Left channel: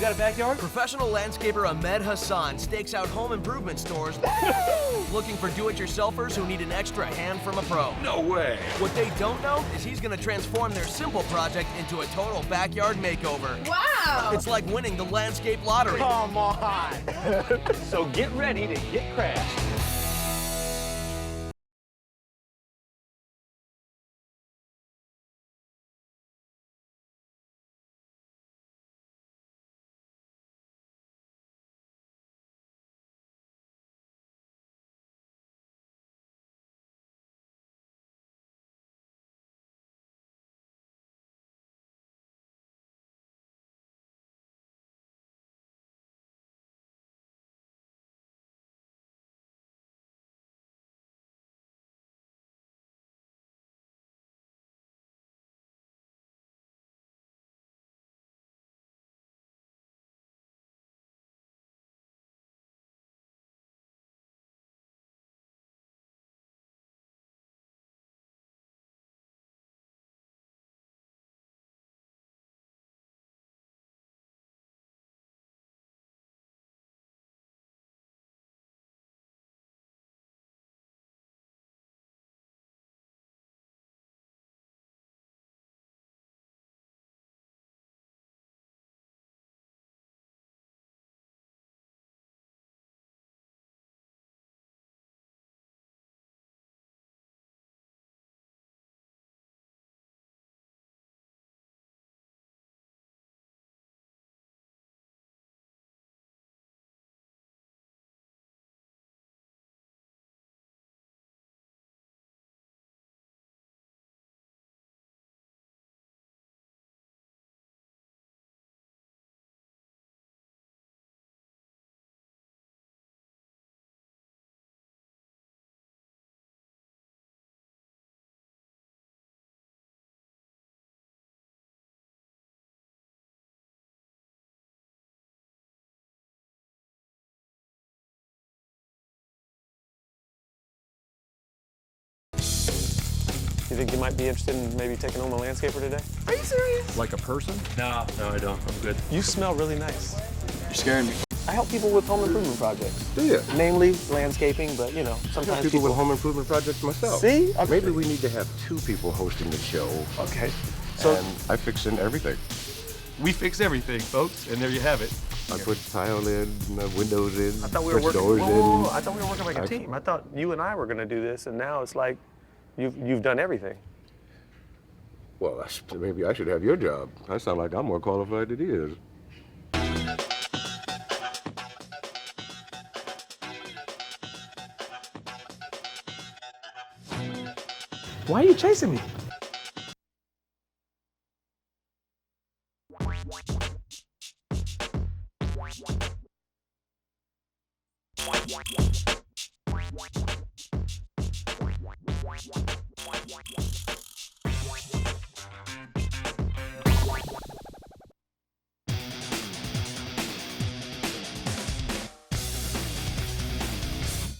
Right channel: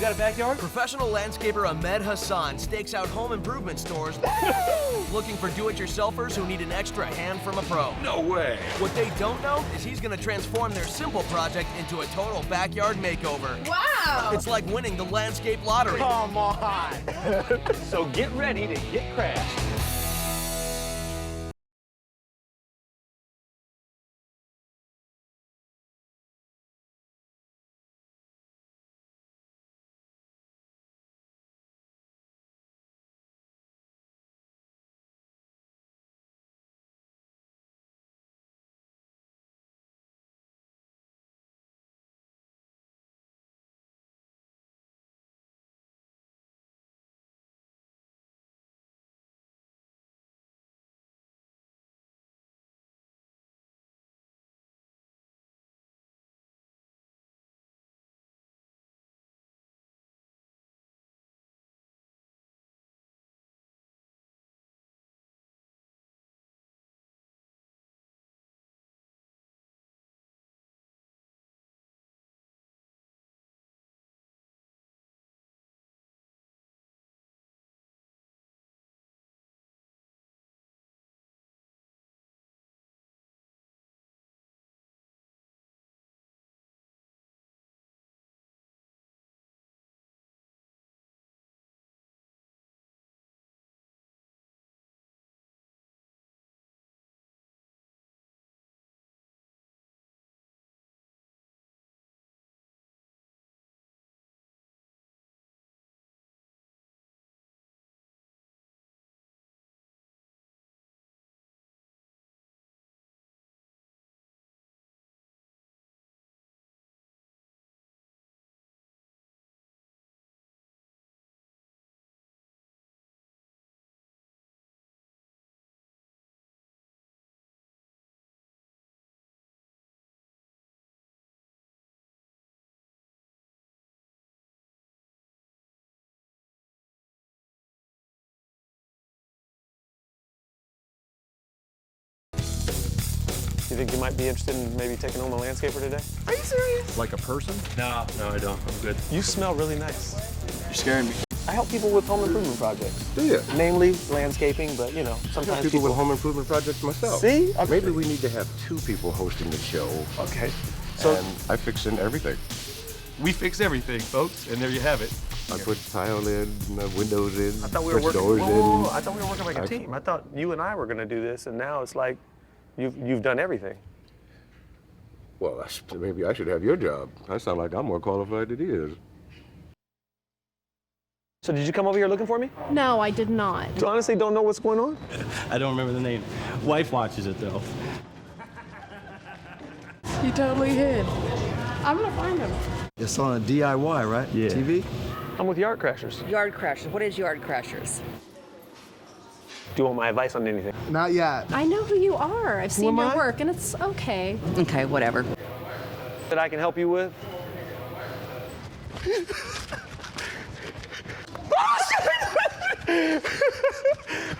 you got a backyard? Professional landscaper Ahmed Hassan stakes out home improvement stores looking for do-it-yourselfers who need an extra hand from a pro. No way. What they don't know is he's gonna transform their simple project into a total backyard makeover. Wow! It's like winning the landscape lottery. Come on. So get ready to get crashed. You think you might be interested in maybe taking home a landscaper today? Are you serious? Like a person? No, I don't. I'm good. You smell really nice. You're scaring me. I help people with home improvement projects. Do you? Mainly landscaping, but you know, I sometimes got people with home improvement projects myself. See? Maybe we need to have two people hosting the show. Okay. So And I fix in everything. We fix everything, folks, and there you have it. I put tile in, windows in, I thought we were push working. doors in. I thought we were working like a team. I thought you and I were going to do this, and now it's like you've done everything. Well, maybe I should have your job. I sound like I'm more qualified than he is. So did you come over here looking for me? No, I did not. So honestly, don't know what's going on? I don't remember the name. Wife watches it, though. Why are you chasing me? He totally hid. I'm gonna find him. It's on a DIY, right? Yeah. TV? I'm with Yard Crashers. Yard Crashers. What is Yard Crashers? Do you want my advice on anything? Not yet. I know who you are. I've seen am your I? work, and it's okay. Okay, whatever. That I can help you with?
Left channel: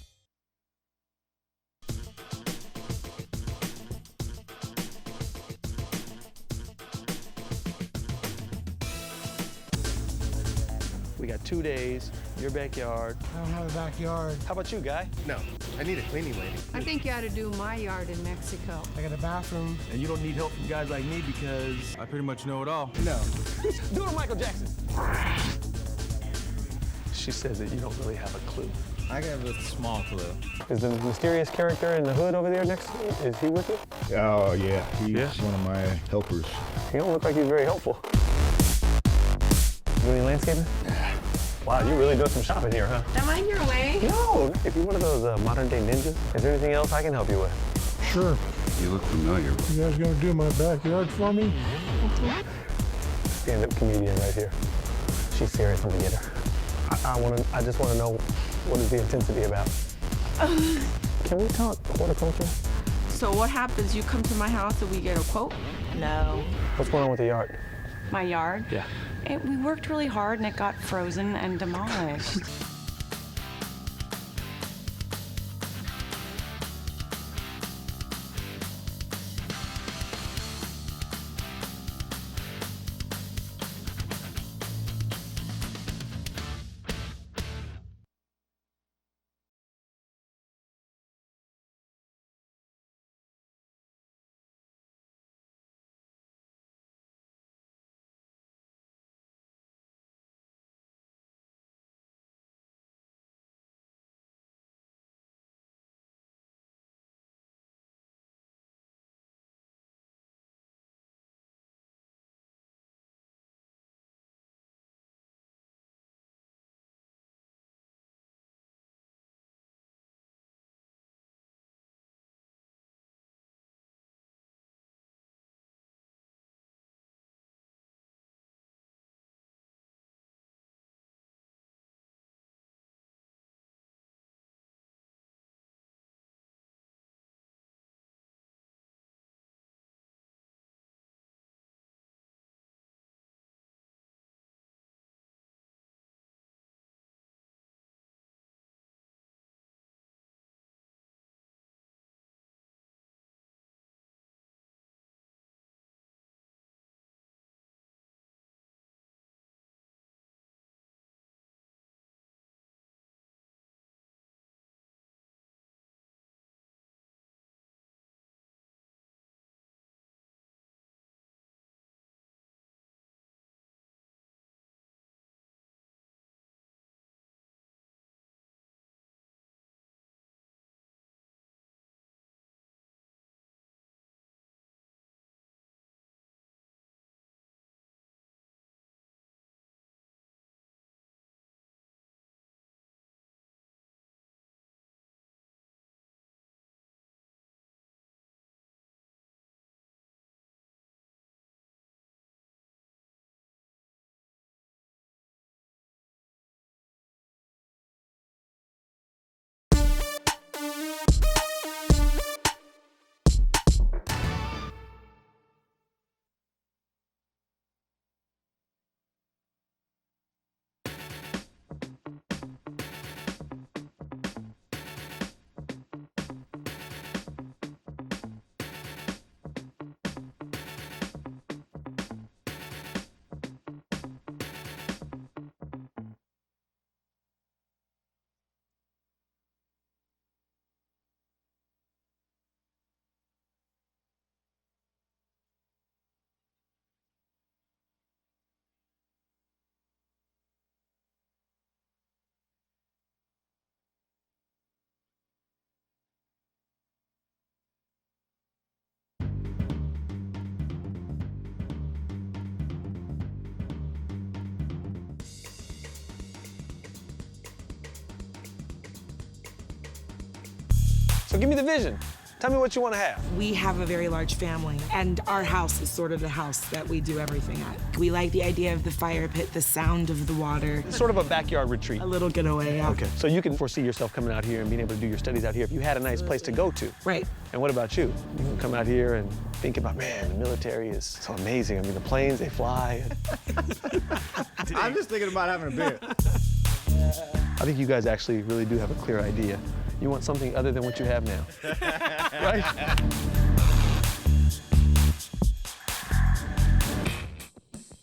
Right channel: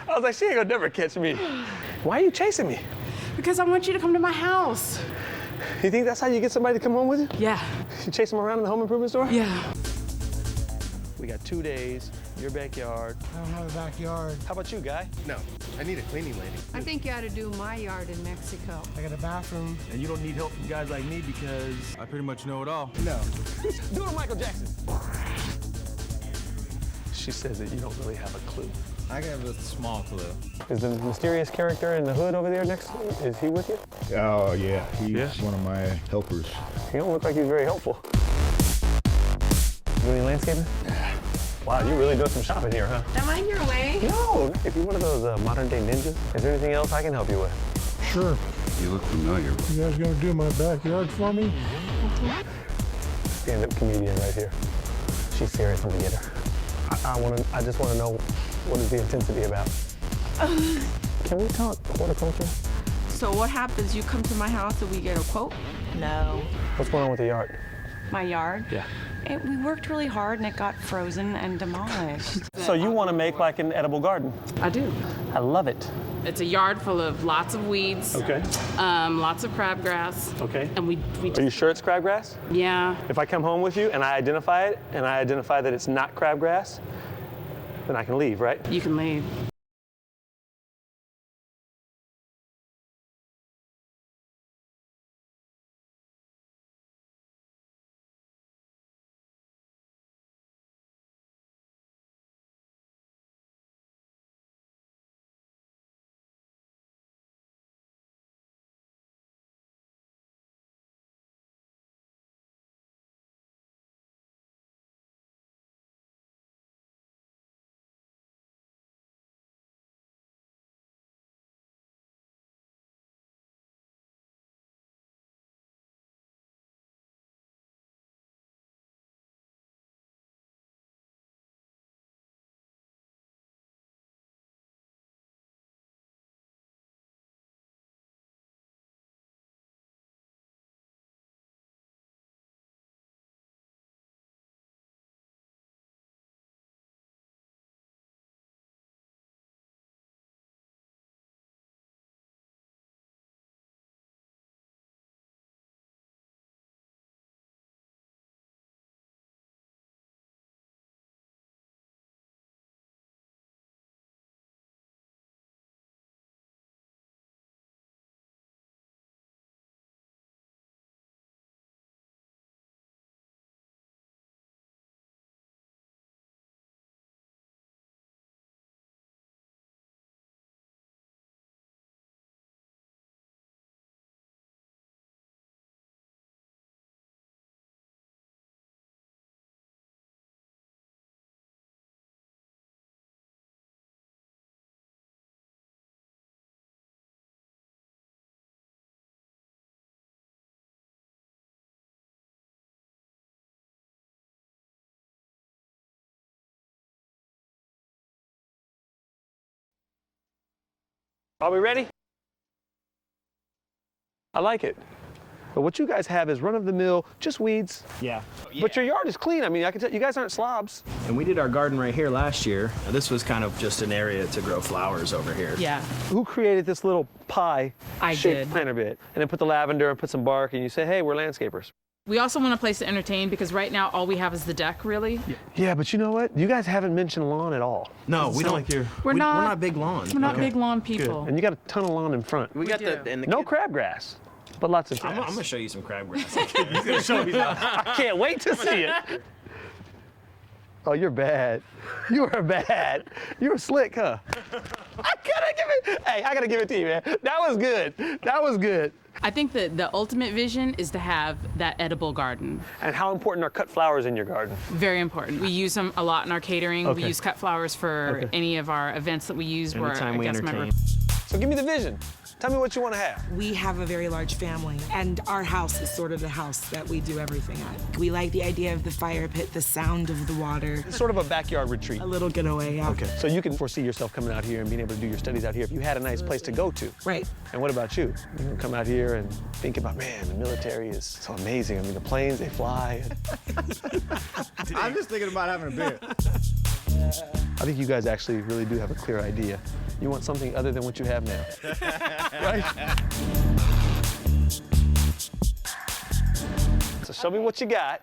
I was like, she ain't gonna never catch me. Why are you chasing me? Because I want you to come to my house. You think that's how you get somebody to come home with you? Yeah. You chase them around in the home improvement store? Yeah. We got 2 days, your backyard. I don't have a backyard. How about you, guy? No, I need a cleaning lady. I think you ought to do my yard in Mexico. I got a bathroom. And you don't need help from guys like me because I pretty much know it all. No. Do it to Michael Jackson. She says that you don't really have a clue. I have a small clue. Is the mysterious character in the hood over there next to you, is he with you? Oh, yeah, he's one of my helpers. He don't look like he's very helpful. You any landscaping? Wow, you really doing some shopping here, huh? Am I in your way? No. If you're one of those modern-day ninjas, is there anything else I can help you with? Sure. You look familiar. You guys gonna do my backyard for me? Stand-up comedian right here. She's serious. I'm gonna get her. I just want to know, what is the intensity about? Can we talk horticulture? So what happens? You come to my house and we get a quote? No. What's going on with the yard? My yard? Yeah. We worked really hard and it got frozen and demolished. So you want to make like an edible garden? I do. I love it. It's a yard full of lots of weeds. Okay. Lots of crabgrass. Okay. And we Are you sure it's crabgrass? yeah. If I come home with you and I identify it, and I identify that it's not crabgrass, then I can leave, right? You can leave. Are we ready? I like it. But what you guys have is run-of-the-mill, just weeds. Yeah. But your yard is clean. I mean, I can tell you guys aren't slobs. And we did our garden right here last year. This was kind of just an area to grow flowers over here. Yeah. Who created this little pie I shaped did. planter bed? And then put the lavender and put some bark, and you say, hey, we're landscapers. We also want a place to entertain because right now all we have is the deck, really. Yeah, but you know what? You guys haven't mentioned lawn at all. No, we don't. We're We're not- not big lawn. We're not big lawn people. And you got a ton of lawn in front. We got do. and the No kid- crabgrass, but lots of grass. I'm gonna show you some crabgrass. You can show me that. I can't wait to see it. Oh, you're bad. You are bad. You were slick, huh? I gotta give it to you, man. That was good. That was good. I think that the ultimate vision is to have that edible garden. And how important are cut flowers in your garden? Very important. We use them a lot in our catering. Okay. We use cut flowers for any of our events that we use where Anytime a we guest member. entertain. So give me the vision. Tell me what you want to have. We have a very large family, and our house is sort of the house that we do everything at. We like the idea of the fire pit, the sound of the water. It's sort of a backyard retreat. A little getaway, yeah. Okay. So you can foresee yourself coming out here and being able to do your studies out here if you had a nice place to go to. Right. And what about you? You can come out here and think about, man, the military is so amazing. I mean, the planes, they fly. I'm just thinking about having a beer. I think you guys actually really do have a clear idea. You want something other than what you have now, right? Show me what you got.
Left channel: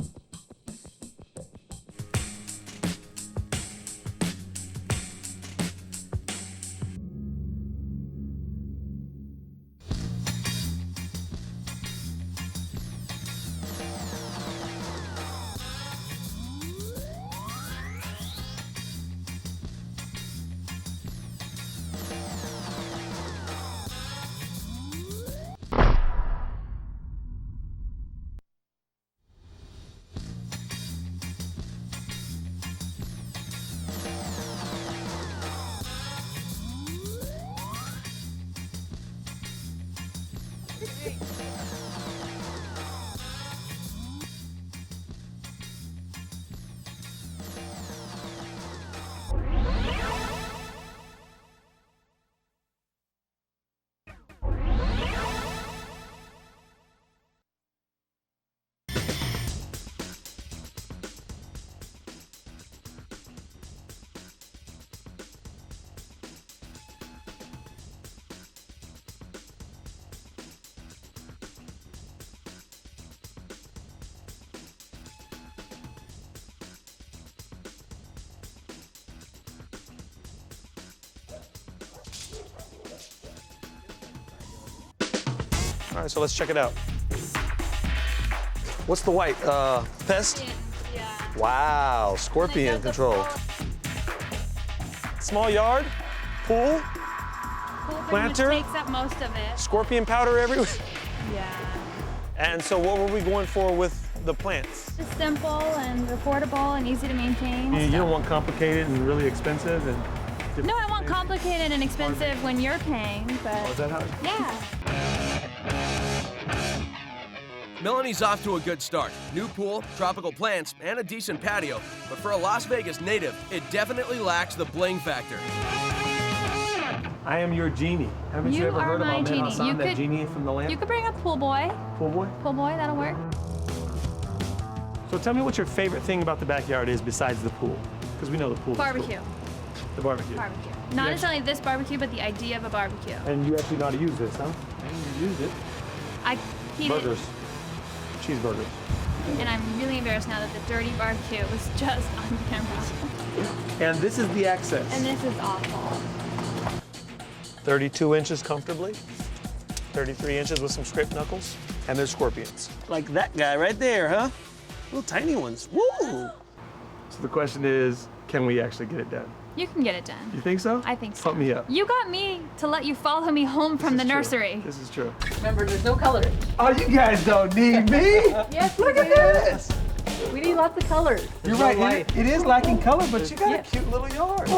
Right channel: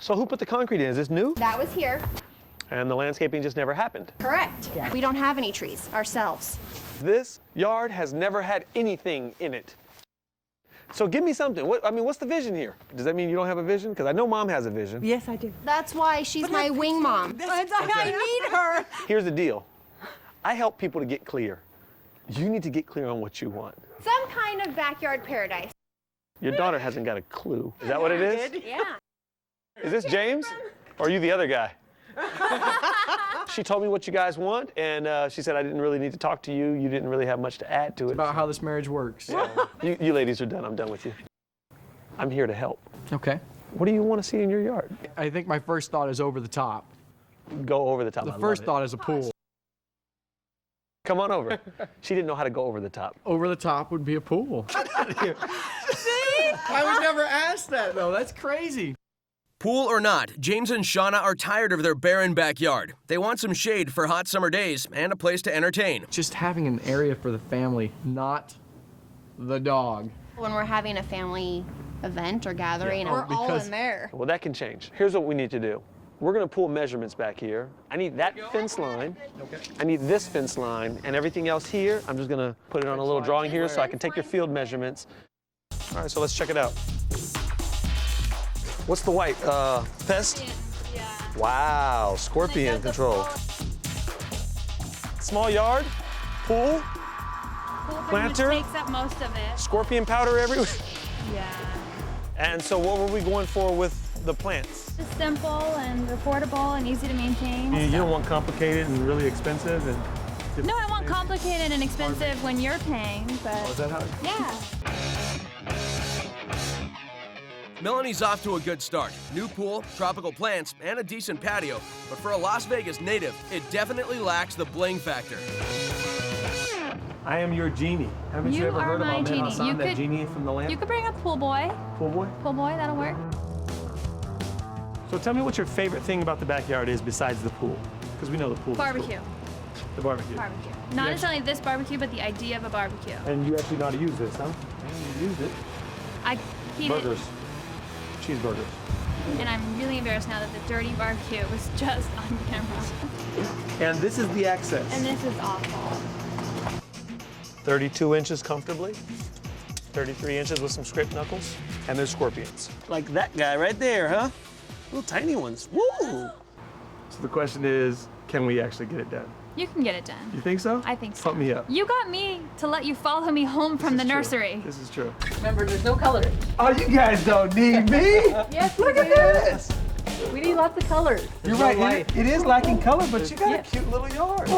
So who put the concrete in? Is this new? That was here. And the landscaping just never happened. Correct. We don't have any trees ourselves. This yard has never had anything in it. So give me something. What's the vision here? Does that mean you don't have a vision? Because I know Mom has a vision. Yes, I do. That's why she's my wing mom. I need her. Here's the deal. I help people to get clear. You need to get clear on what you want. Some kind of backyard paradise. Your daughter hasn't got a clue. Is that what it is? Yeah. Is this James? Or are you the other guy? She told me what you guys want, and she said I didn't really need to talk to you. You didn't really have much to add to it. About how this marriage works. Yeah. You ladies are done. I'm done with you. I'm here to help. Okay. What do you want to see in your yard? I think my first thought is over the top. Go over the top. The first thought is a pool. Come on over. She didn't know how to go over the top. Over the top would be a pool. See? I was never asked that, though. That's crazy. Pool or not, James and Shauna are tired of their barren backyard. They want some shade for hot summer days and a place to entertain. Just having an area for the family, not the dog. When we're having a family event or gathering, we're all in there. Well, that can change. Here's what we need to do. We're gonna pull measurements back here. I need that fence line. I need this fence line, and everything else here, I'm just gonna put it on a little drawing here so I can take your field measurements. All right, so let's check it out. What's the white? Pest? Yeah. Wow, scorpion control. Small yard, pool, planter, Takes up most of it. scorpion powder everywhere. Yeah. And so what were we going for with the plants? Just simple and affordable and easy to maintain. You don't want complicated and really expensive and... No, I want complicated and expensive when you're paying, but... Oh, is that how? Yeah. Melanie's off to a good start. New pool, tropical plants, and a decent patio. But for a Las Vegas native, it definitely lacks the bling factor. I am your genie. Haven't you ever heard of Ahmed Hassan, that genie from the lamp? You could bring a pool boy. Pool boy? Pool boy, that'll work. So tell me what your favorite thing about the backyard is besides the pool. Because we know the pool. Barbecue. The barbecue. Barbecue. Not necessarily this barbecue, but the idea of a barbecue. And you actually know how to use this, huh? You used it. I heat it. Burgers. Cheeseburgers. And I'm really embarrassed now that the dirty barbecue was just on camera. And this is the access. And this is awful. 32 inches comfortably. 33 inches with some scraped knuckles. And there's scorpions. Like that guy right there, huh? Little tiny ones. Woo! So the question is, can we actually get it done? You can get it done. You think so? I think so. Pump me up. You got me to let you follow me home from the nursery. This is true. Remember, there's no color. Oh, you guys don't need me. Yes, Look at this. We need lots of colors. You're right. It is lacking color, but you got a cute little yard.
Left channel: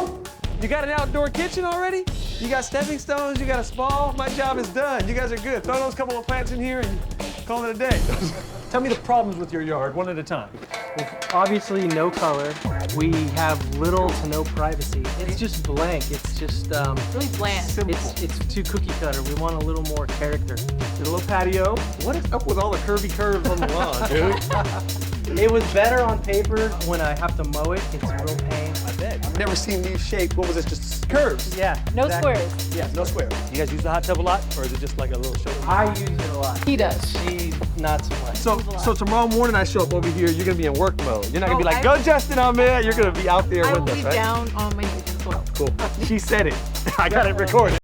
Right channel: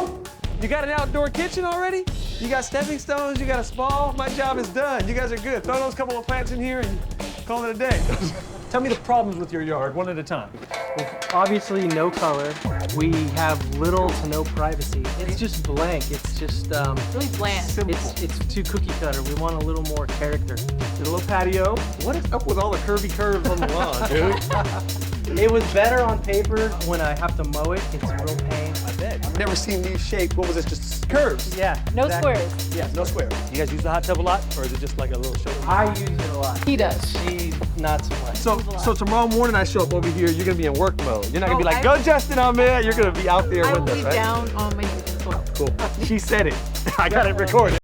You got an outdoor kitchen already? You got stepping stones, you got a spa. My job is done. You guys are good. Throw those couple of plants in here and call it a day. Tell me the problems with your yard, one at a time. Obviously, no color. We have little to no privacy. It's just blank. It's just Really bland. Simple. it's too cookie cutter. We want a little more character. There's a little patio. What is up with all the curvy curves on the lawn, dude? It was better on paper. When I have to mow it, it's a real pain. I bet. I've never seen these shaped. What was this? Just curves? Yeah. No exactly. squares. Yeah, no squares. You guys use the hot tub a lot, or is it just like a little show? I use it a lot. He does. She not so much. So tomorrow morning I show up over here, you're gonna be in work mode. You're not gonna be like, go Justin, Ahmed. You're gonna be out there I with will us, be right? down on my knees as well. Cool. She said it. I got it recorded.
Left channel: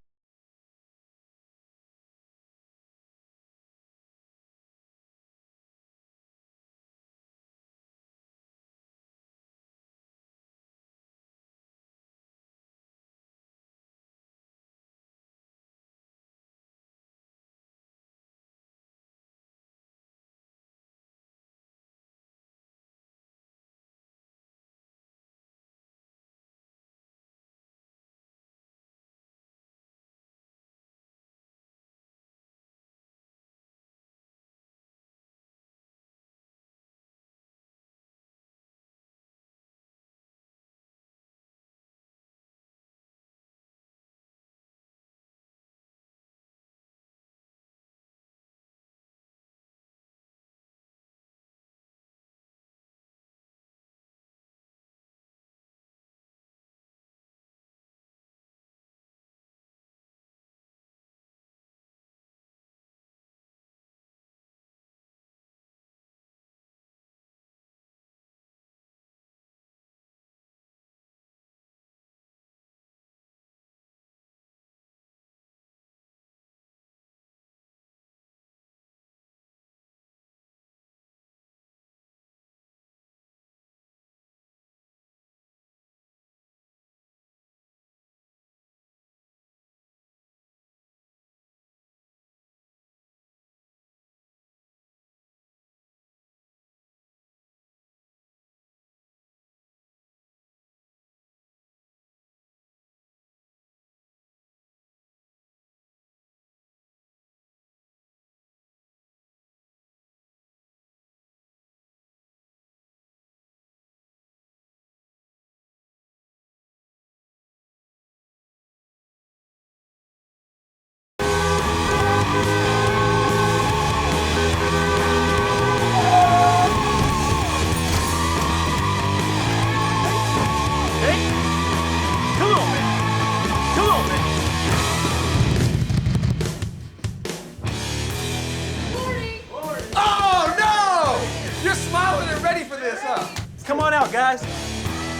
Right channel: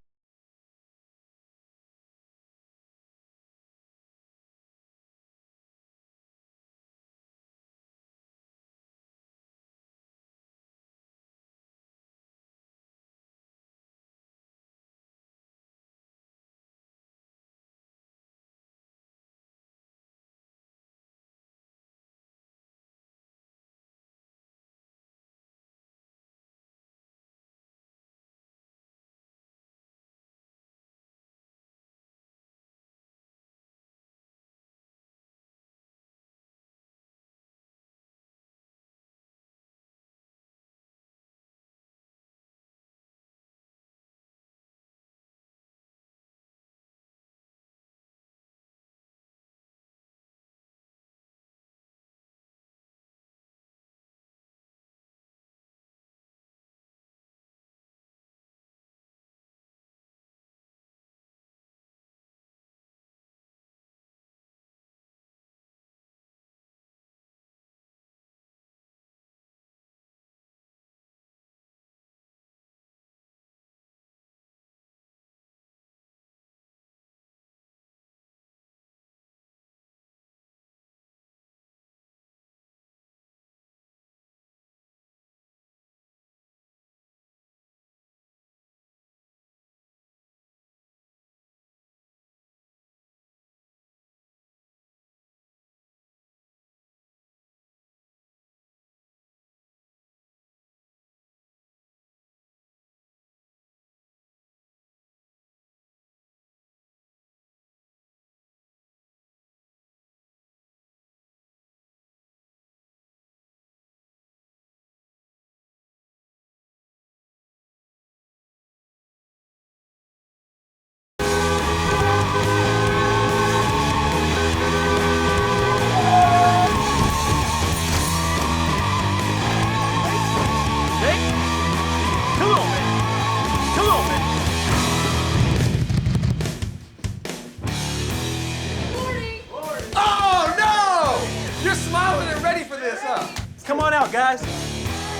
ready for this, huh? Come on out, guys.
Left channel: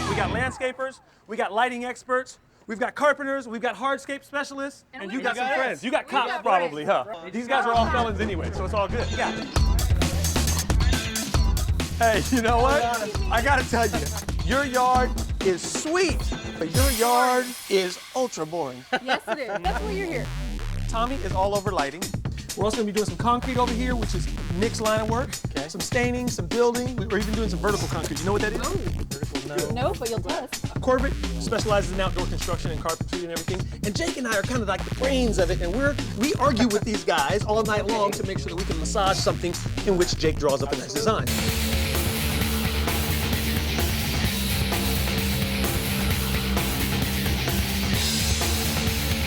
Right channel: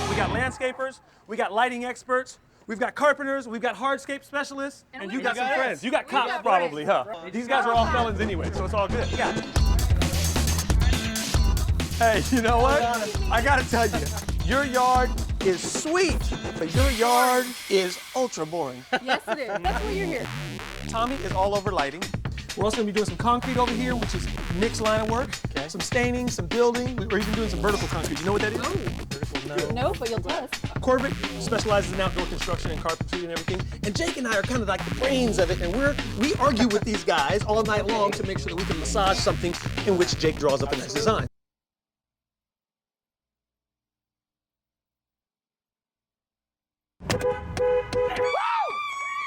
We got landscapers, we got lighting experts, we've got carpenters, we've got hardscape specialists, and you got some friends. You got cops probably, huh? These guys are all felons anyway, so it's all good. Yeah. Hey, you know what? I gotta tell you, your yard is sweet, but your yard is ultra boring. Yes, it is. That's why you're here. Tommy is all over lighting. We're also gonna be doing some concrete over here, which is Nick's line of work. Okay. Some staining, some building. We're even doing some vertical concrete. You know what that is? No. Vertical, No, but you'll tell us. Corbett specializes in outdoor construction and carpentry and everything. And Jake and I are kind of like the brains of it, and we argue with these guys all night long to make sure that we can massage something in which Jake draws up a nice design.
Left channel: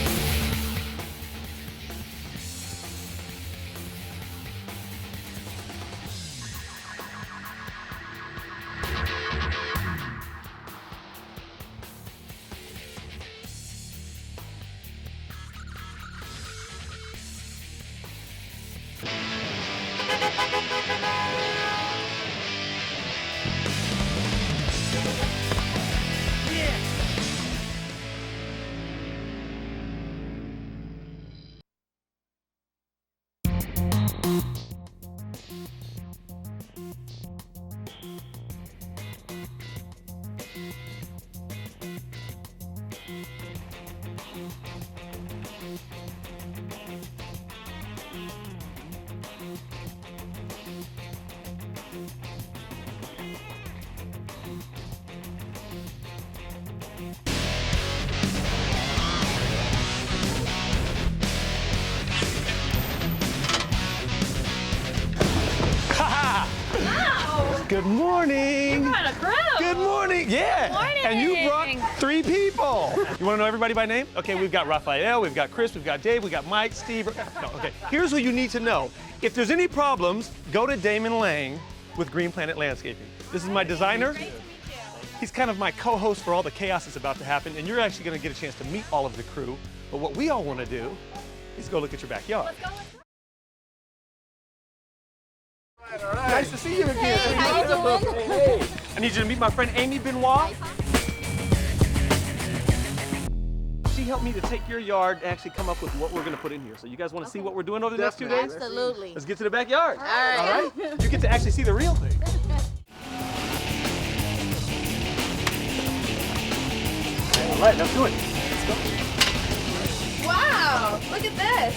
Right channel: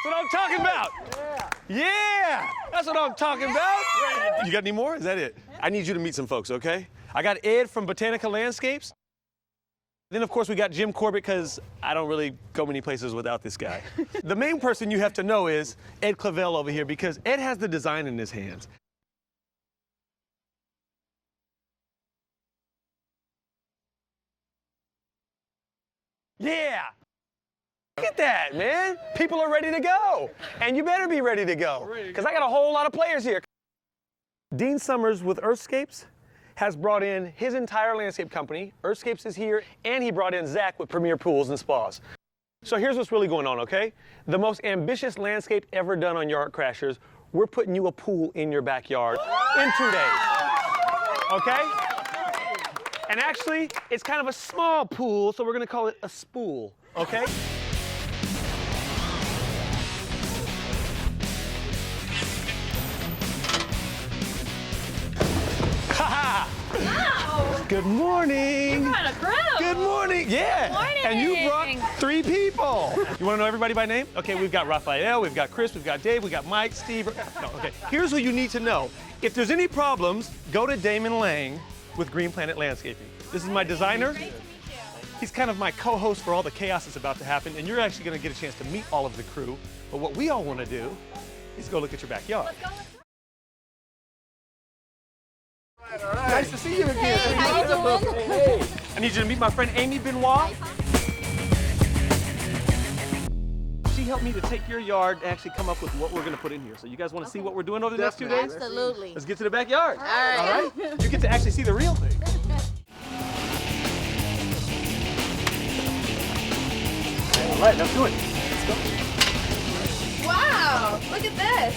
What I'm talking about? Yeah! That's what I'm talking about. You got any more? Is that it? I need you to meet some folks, okay? I got Ed from Botanica Landscapes. Then, of course, we got Jim Corbett, because I don't really go many places without this guy. The main person you have to know is Ed CLAVEL over here, because Ed has the design in his hands. Yeah! Look at that, man. People are ready to go. And you better be ready to go, because I got a whole lot of players here. Dean Summers with Earthscapes has brought in his entire landscape company. Earthscapes is here, and he brought in Zach with Premier Pools and Spas. So here's what's really going on, okay? The most ambitious landscape ever done on Yard Crashers. We're putting you a pool in your backyard in 2 days, okay? And actually, it's kind of a small pool, so we're gonna call it a spool, okay? Ha-ha! Wow! Good morning! You're kind of crew! Good morning! Yeah! Good morning! And you brought 3 people! You wanna know everybody by name? Okay, we've got Raphael, we've got Chris, we've got Dave, we've got Mike, Steve. No, okay. Here's what you need to know. If there's any problems, go to Damon Lang with Green Planet Landscaping. This is my designer. Great to meet you. He's kind of my co-host for all the chaos that's about to happen, and you're actually gonna get a chance to meet all of the crew. But what we all wanna do is go look at your backyard. Let's go, let's go. All right. Nice to see you again. Hey, how you doing? Hey. I need you to meet my friend Amy Benoit. She helped me to take your yard and actually come up with what we're gonna put in here. So you guys wanna see what we're doing over the next 2 days? Absolutely. Let's get to the backyard. All right. You get to actually see the real thing. All right, let's do it. Let's go. Wow, look at this.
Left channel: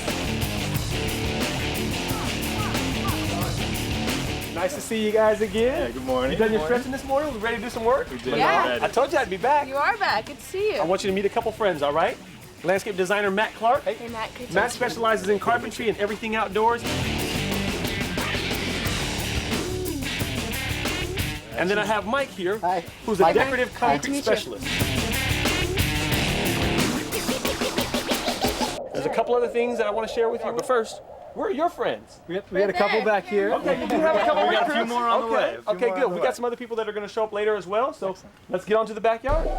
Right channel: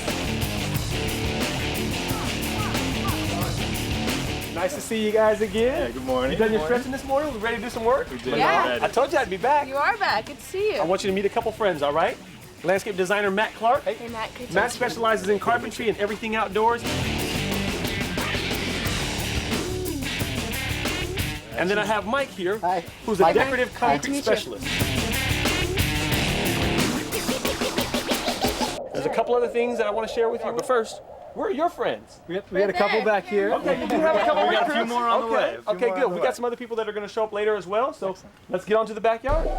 Nice to see you guys again. Yeah, good morning. You done your stretching this morning? We ready to do some work? We did. Yeah. I told you I'd be back. You are back. Good to see you. I want you to meet a couple friends, all right? Landscape designer Matt Clark. Hey, Matt. Good to Matt see you. specializes in carpentry and everything outdoors. And then I have Mike here, who's a decorative concrete specialist. There's a couple other things that I want to share with you, but first, where are your friends? We had a couple back here. Okay, you do have a couple. We got a few more on the way. Okay, good. We got some other people that are going to show up later as well, so let's get on to the backyard.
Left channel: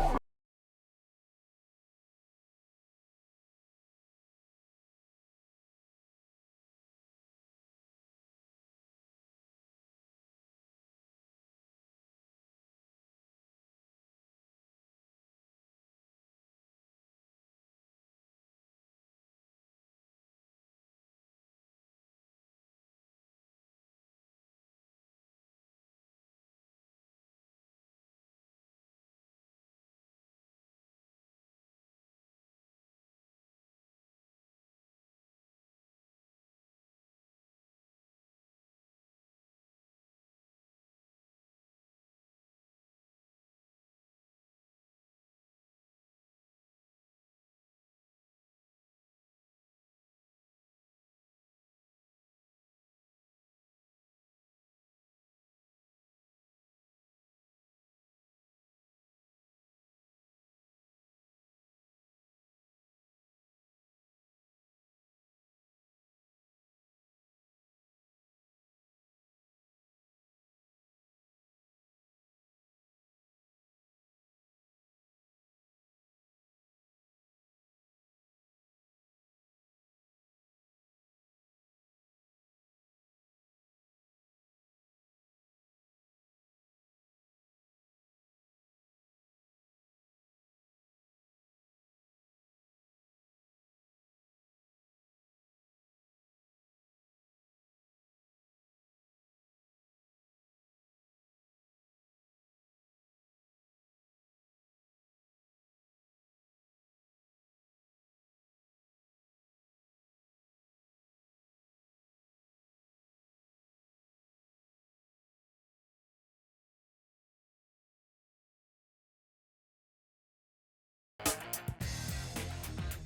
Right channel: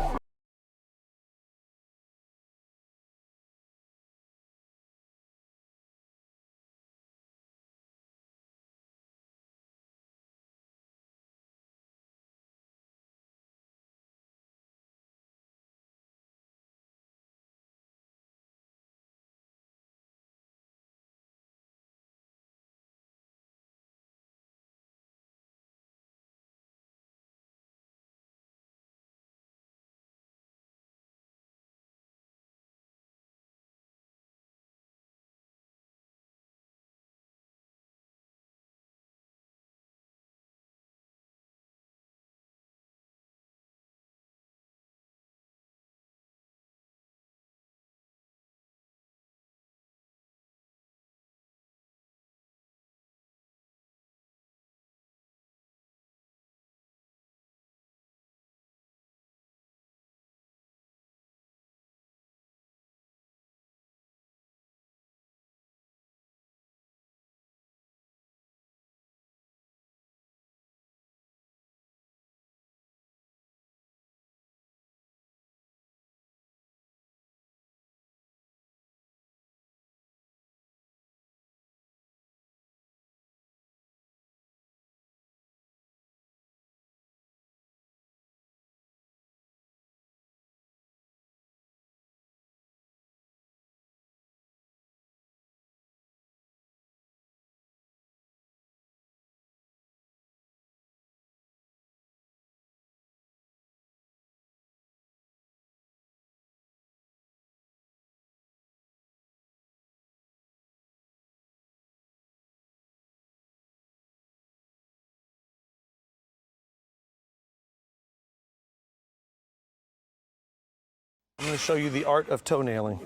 I'm gonna show you the art of toenailing.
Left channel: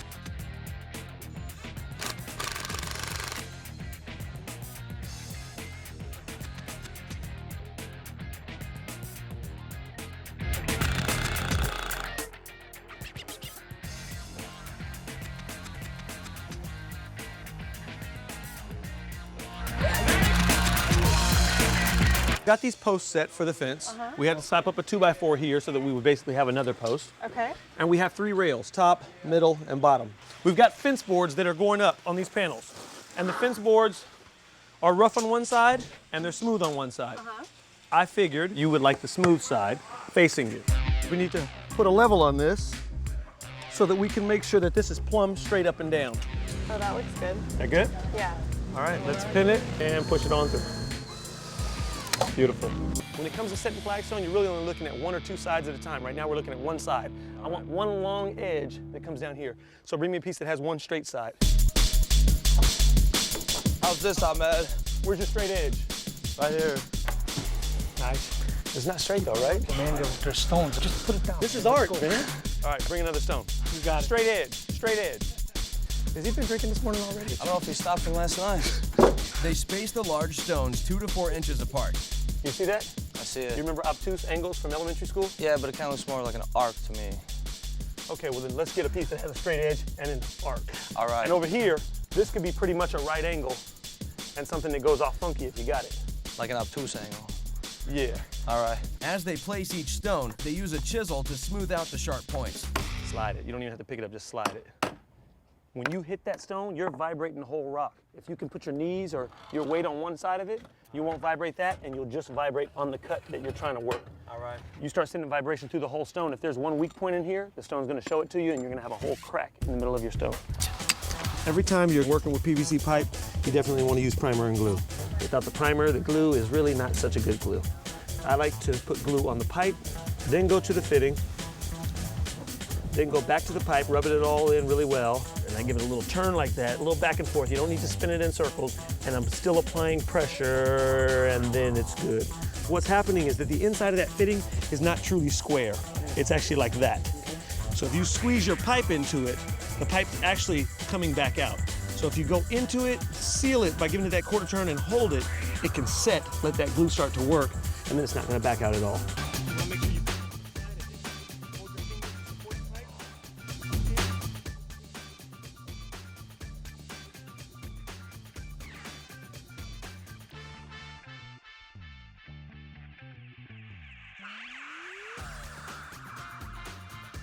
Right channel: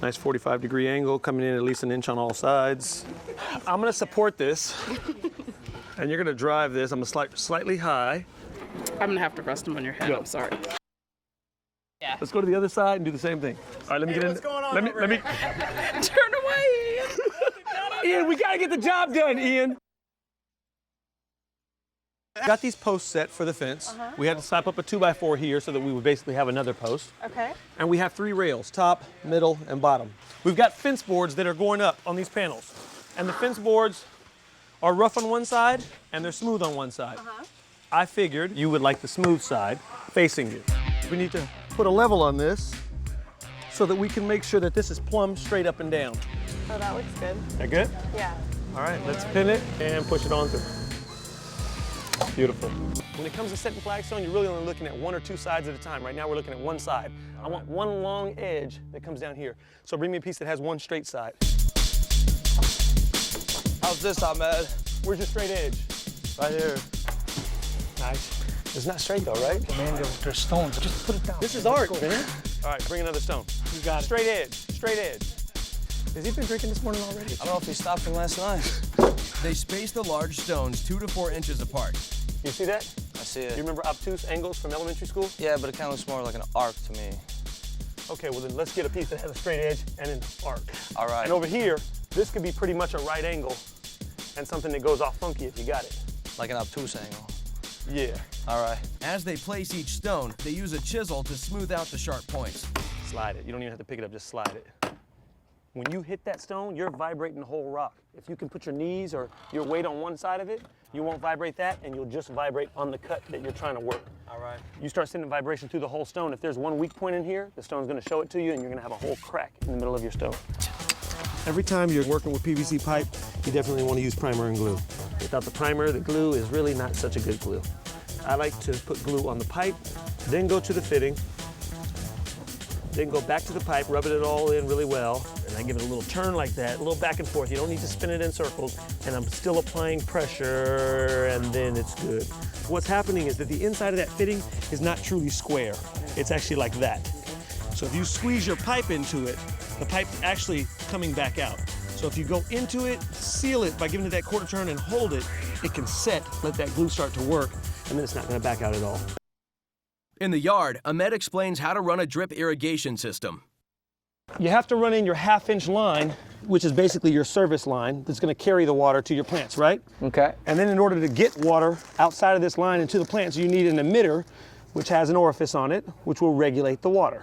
Nice 45-degree angle, coming in at least an inch on all sides. I'm gonna support this, and you're gonna drive this. I'm gonna slightly high. I'm gonna have to rest them on your head. Go. I'm sorry. Let's go to the other side and do the same thing. All right, let me get in. Let me. Turn away, Ian. Ian, we gotta get the job done, Ian. Got these posts set for the fence. We had to slap up a 2x4 here so that we would basically have another post. Okay. And we have 3 rails, top, middle, and bottom. We've got fence boards that are going up on these panels. And the fence boards are rough on one side and they're smooth on one side. I figured you would like the smooth side facing you. We need to put a level on this so that we can make sure that this is plumb straight up and down. Oh, that looks good. That good? Yeah. All right, let's pin it and push it on through. Beautiful. When it comes to setting flagstone, you're really only looking at 1 or 2 sides at a time. Right now, we're looking at one side. I want one long edge that comes down here. So bring me a piece that has one straight side. How's this, Ahmed? Where's your straight edge? Right here. Nice. It's not straight though, right? Man, they're stones. Just put it down. This is art, man. All right, bring another stone. You got it. Straight edge, straight edge. Has he been drinking this morning already? I don't know if he stopped him last night. They space the large stones 2 to 4 inches apart. You see that? I see Do it. you remember obtuse angles from elementary school? Yeah, but it kind of looks more like an arc to me. Okay, well then let's get a piece that has a straight edge and an arc. All right. And over here, this could be pretty much a right angle and something that goes off funky if you got it. Like an obtuse angle. Yeah. All right. As they place each stone, they use a chisel to smooth out the sharp points. Slide it. You don't even have to pick it up, just slide it. When you hit that stone, you're vibrating the whole rock. If you can put your knees or your weight on one side of it, you won't vibrate that, and you'll just vibrate on the cut that you're trying to work. All right. You start sending vibration through the whole stone. If there's one weak point in here, the stone's gonna show it to you, and you're gonna have a whole crack in the middle of your stone. Every time you're working with PVC pipe, you definitely want to use primer and glue. Without the primer, the glue is really not such a good glue. I like to put glue on the pipe, then go to the fitting, then go back to the pipe, rub it all in really well, and I give it a little turn like that, a little back and forth. You don't need to spin it in circles, and I'm still applying pressure, and then it's good. What's happening is that the inside of that fitting is not truly square. It's actually like that. So if you squeeze your pipe into it, the pipe's actually coming back out. So if you go into it, seal it by giving it that quarter turn and hold it, it can set, let that glue start to work, and then it's not gonna back out at all. In the yard, Ahmed explains how to run a drip irrigation system. You have to run in your half-inch line, which is basically your service line that's gonna carry the water to your plants, right? Okay. And then in order to get water outside of this line into the plants, you need an emitter, which has an orifice on it, which will regulate the water.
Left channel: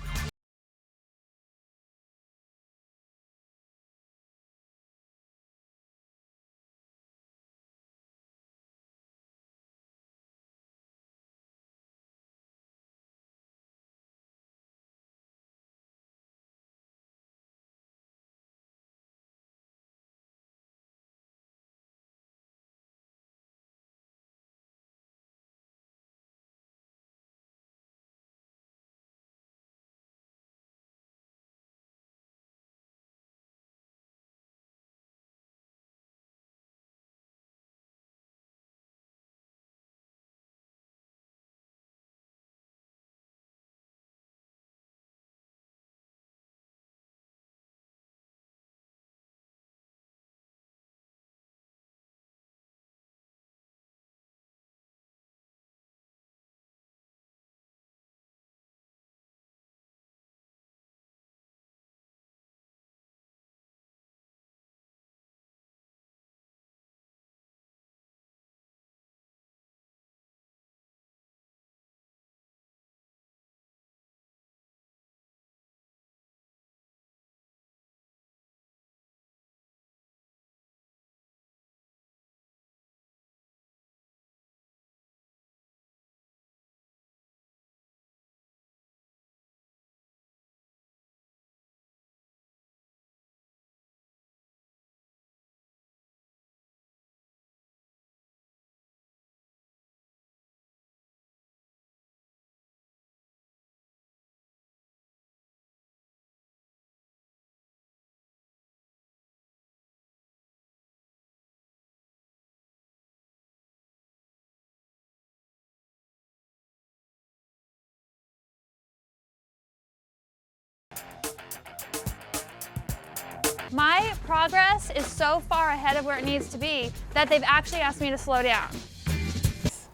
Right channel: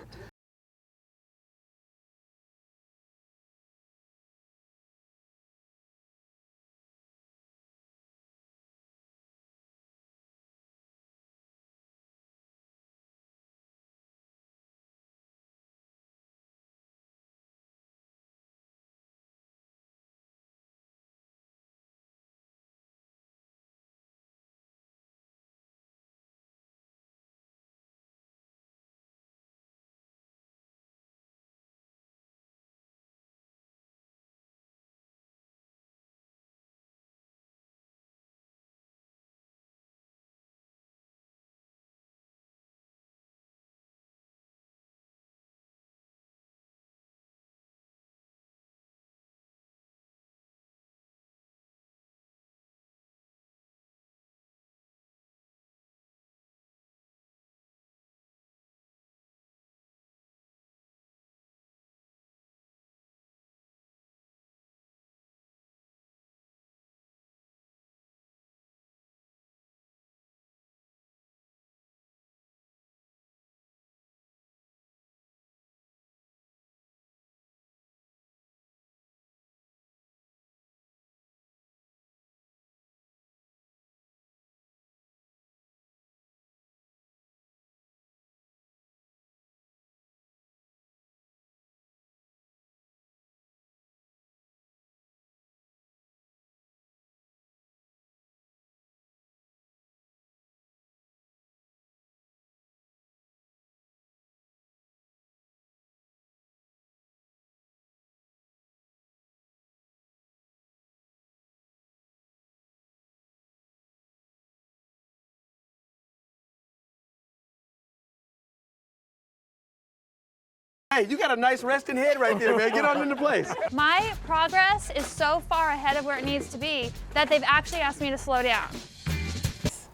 Hey, you got a nice resting head right there, man. Get on into place. My progress is so far ahead of where it needs to be that they've actually asked me to slow down.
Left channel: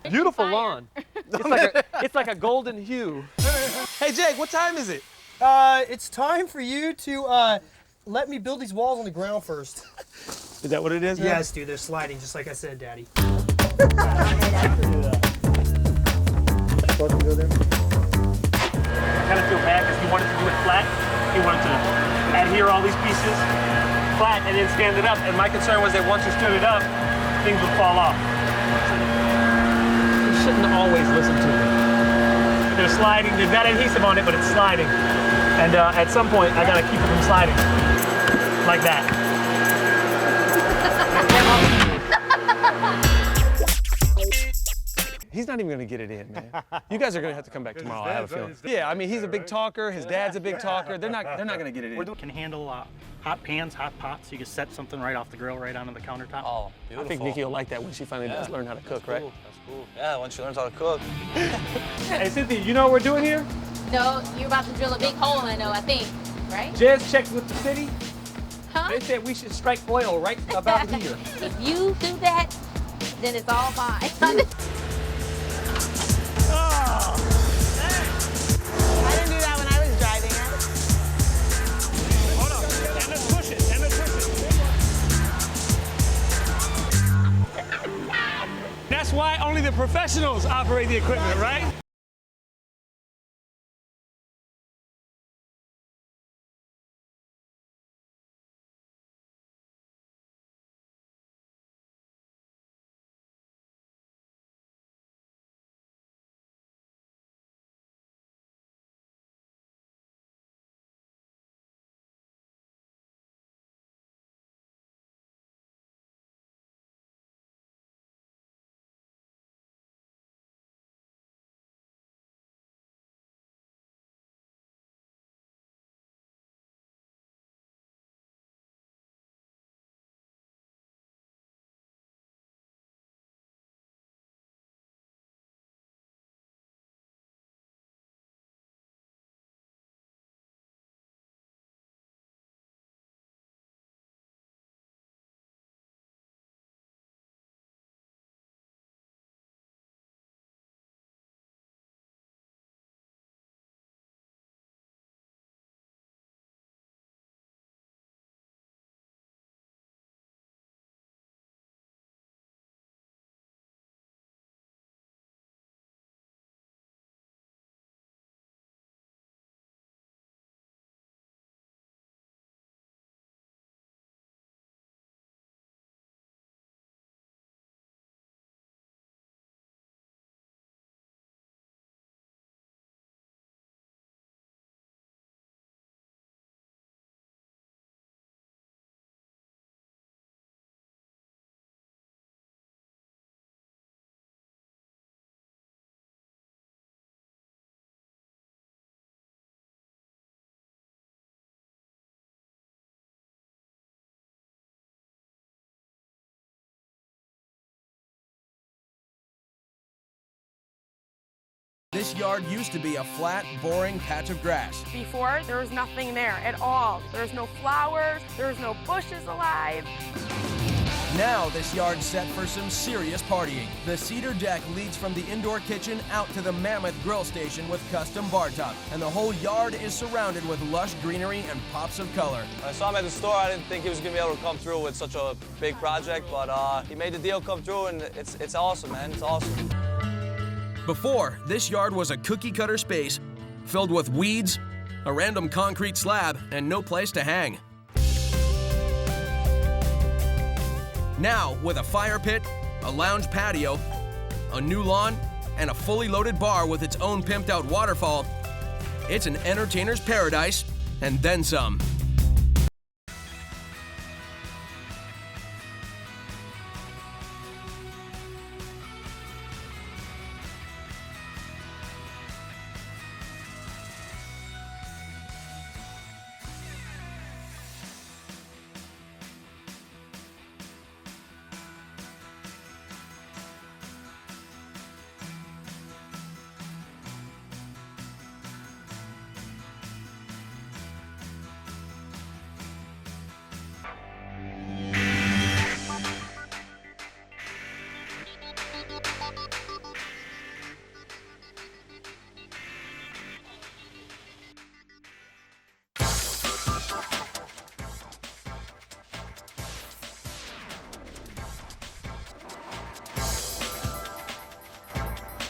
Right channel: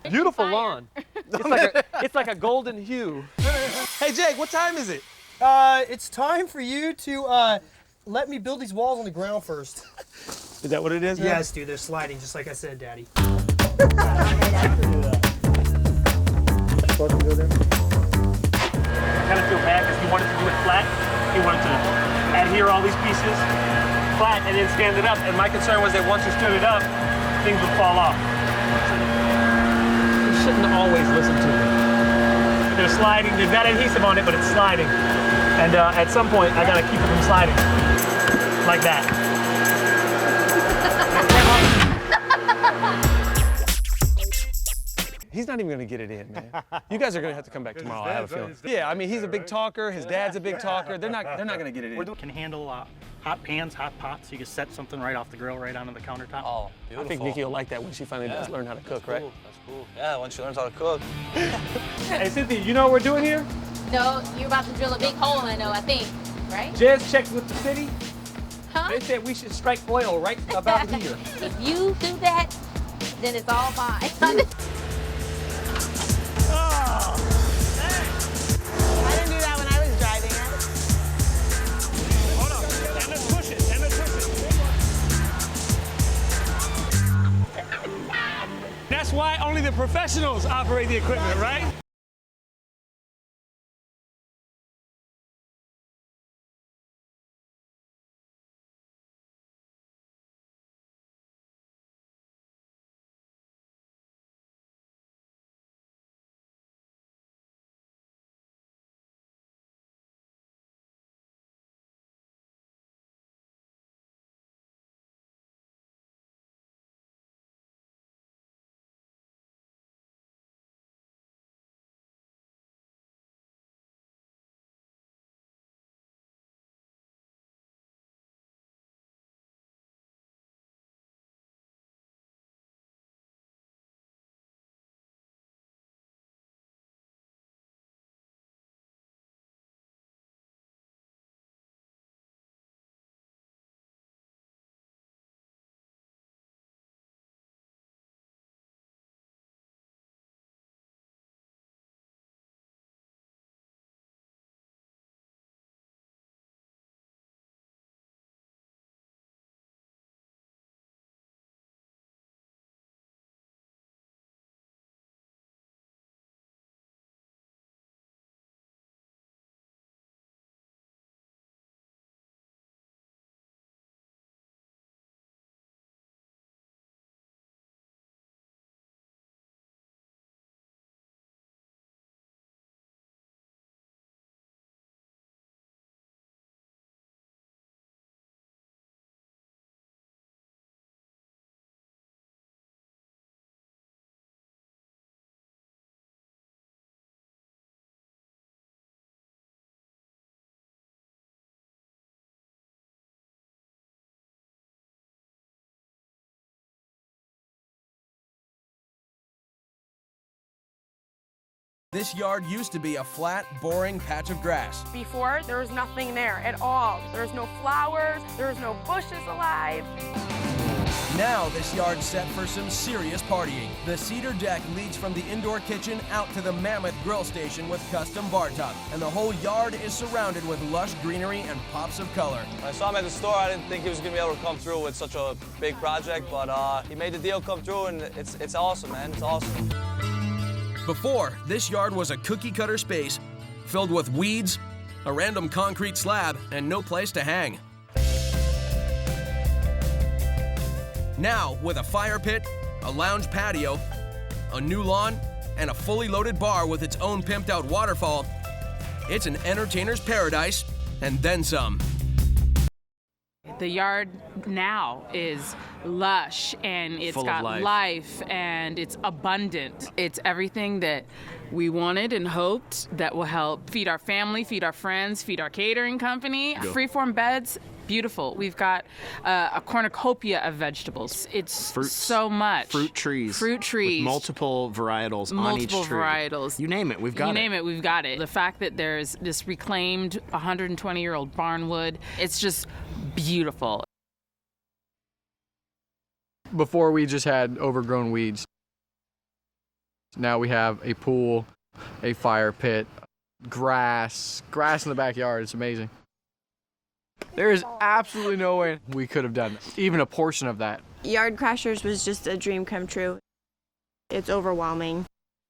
Beautiful lawn. It's like a golden hue. Hey, Jake, what time is it? It's time for you to let me build these walls on the ground first. Is that what it is, man? Yes, dude, they're sliding, just like I said, Daddy. Supposed to go there? I kind of feel bad because he wanted to do it flat. He wanted to adhere all these pieces flat and then stand it up. And my concern was that once you stood it up, things would fall off. You shouldn't always listen to them. They're sliding. They've got adhesive on it, but it's sliding. And at some point, I got to keep it from sliding. Like that. He's not even gonna get it in, man. You guys are gonna have to come back tomorrow. I have a feeling. Yeah, I mean, he's a big talker. His dad's a big talker. They're not gonna get it in. We can handle hot pans, hot pots. You can set something right off the grill, right onto the countertop. Oh, beautiful. I think Nikki will like that when she finally does learn how to cook, right? Cool. That's cool. Yeah, once she learns how to cook. Hey, Cynthia, you know what we're doing here? No, you're about to drill a big hole, I know, I think, right? Jez checked with the city. Huh? They said we should strike oil right about here. If you do that, then it's all fine. I didn't do that when I was driving. Hold on. And let's push it. And let's push it. That's why only the professionals operate the equipment, right? This yard used to be a flat, boring patch of grass. Before, there was nothing there at all. There was no flowers, there was no bushes alive. Now this yard's set for some serious partying. The cedar deck leads from the indoor kitchen out to the mammoth grill station with custom bar top, and the whole yard is surrounded with lush greenery and pops of color. When I saw him at the store, I didn't think he was gonna be able to come through with such a big project, but he made the deal come through, and it's awesome, man. It's awesome. Before, this yard was a cookie-cutter space filled with weeds, a random concrete slab, and no place to hang. Now, with a fire pit, a lounge patio, a new lawn, and a fully loaded bar with its own pimped-out waterfall, it's an entertainer's paradise, and then some. The yard now is lush, and it's got life, and it's abundant. It's everything that we wanted and hoped that will help feed our family, feed our friends, feed our catering company. Freeform beds beautiful. We've got a cornucopia of vegetables. It's so much. Fruit trees. Fruit trees. With multiple varietals on each tree. Multiple varietals. You name it, we've got it. You name it, we've got it. The fact that there's this reclaimed 120-year-old barnwood, it's just beautiful. Before we just had overgrown weeds. Now we have a pool, a fire pit, grass in the backyard. It's amazing. There is absolutely no way we could have done even a portion of that. Yard Crashers was just a dream come true. It's overwhelming.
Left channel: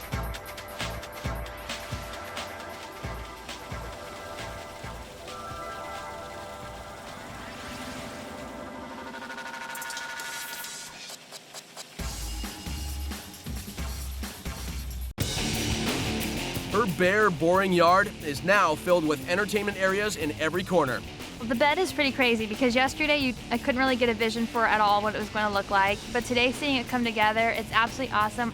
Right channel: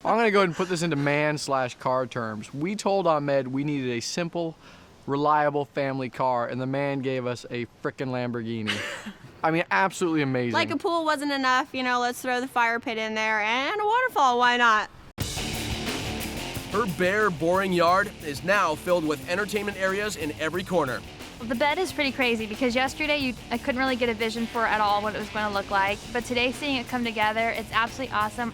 I'm gonna go ahead and put this into man/car terms. We told Ahmed we needed a simple, reliable family car, and the man gave us a frickin' Lamborghini. I mean, absolutely amazing. Like a pool wasn't enough, you know, let's throw the fire pit in there and a waterfall, why not? Her bare, boring yard is now filled with entertainment areas in every corner. The bed is pretty crazy because yesterday I couldn't really get a vision for at all what it was going to look like, but today seeing it come together, it's absolutely awesome.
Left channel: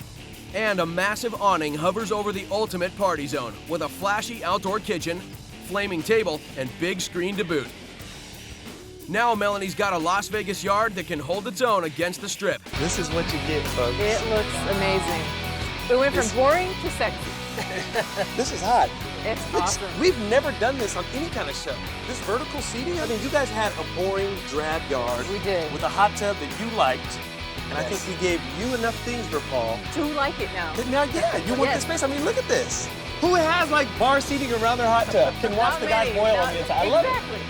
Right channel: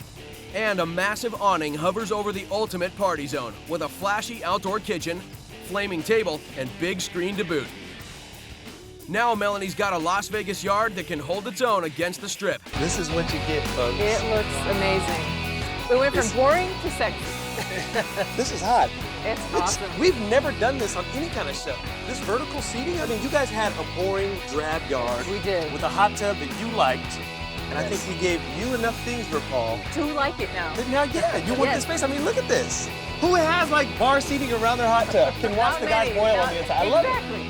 And a massive awning hovers over the ultimate party zone with a flashy outdoor kitchen, flaming table, and big screen to boot. Now Melanie's got a Las Vegas yard that can hold its own against the Strip. This is what you get, folks. It looks amazing. We went from boring to sexy. This is hot. It's awesome. We've never done this on any kind of show. This vertical seating, I mean, you guys had a boring, drab yard. We did. With a hot tub that you liked. And I think we gave you enough things, RuPaul. To like it now. Now, yeah, you want this space. I mean, look at this. Who has like bar seating around their hot tub can watch the guys boil on the inside? I love it.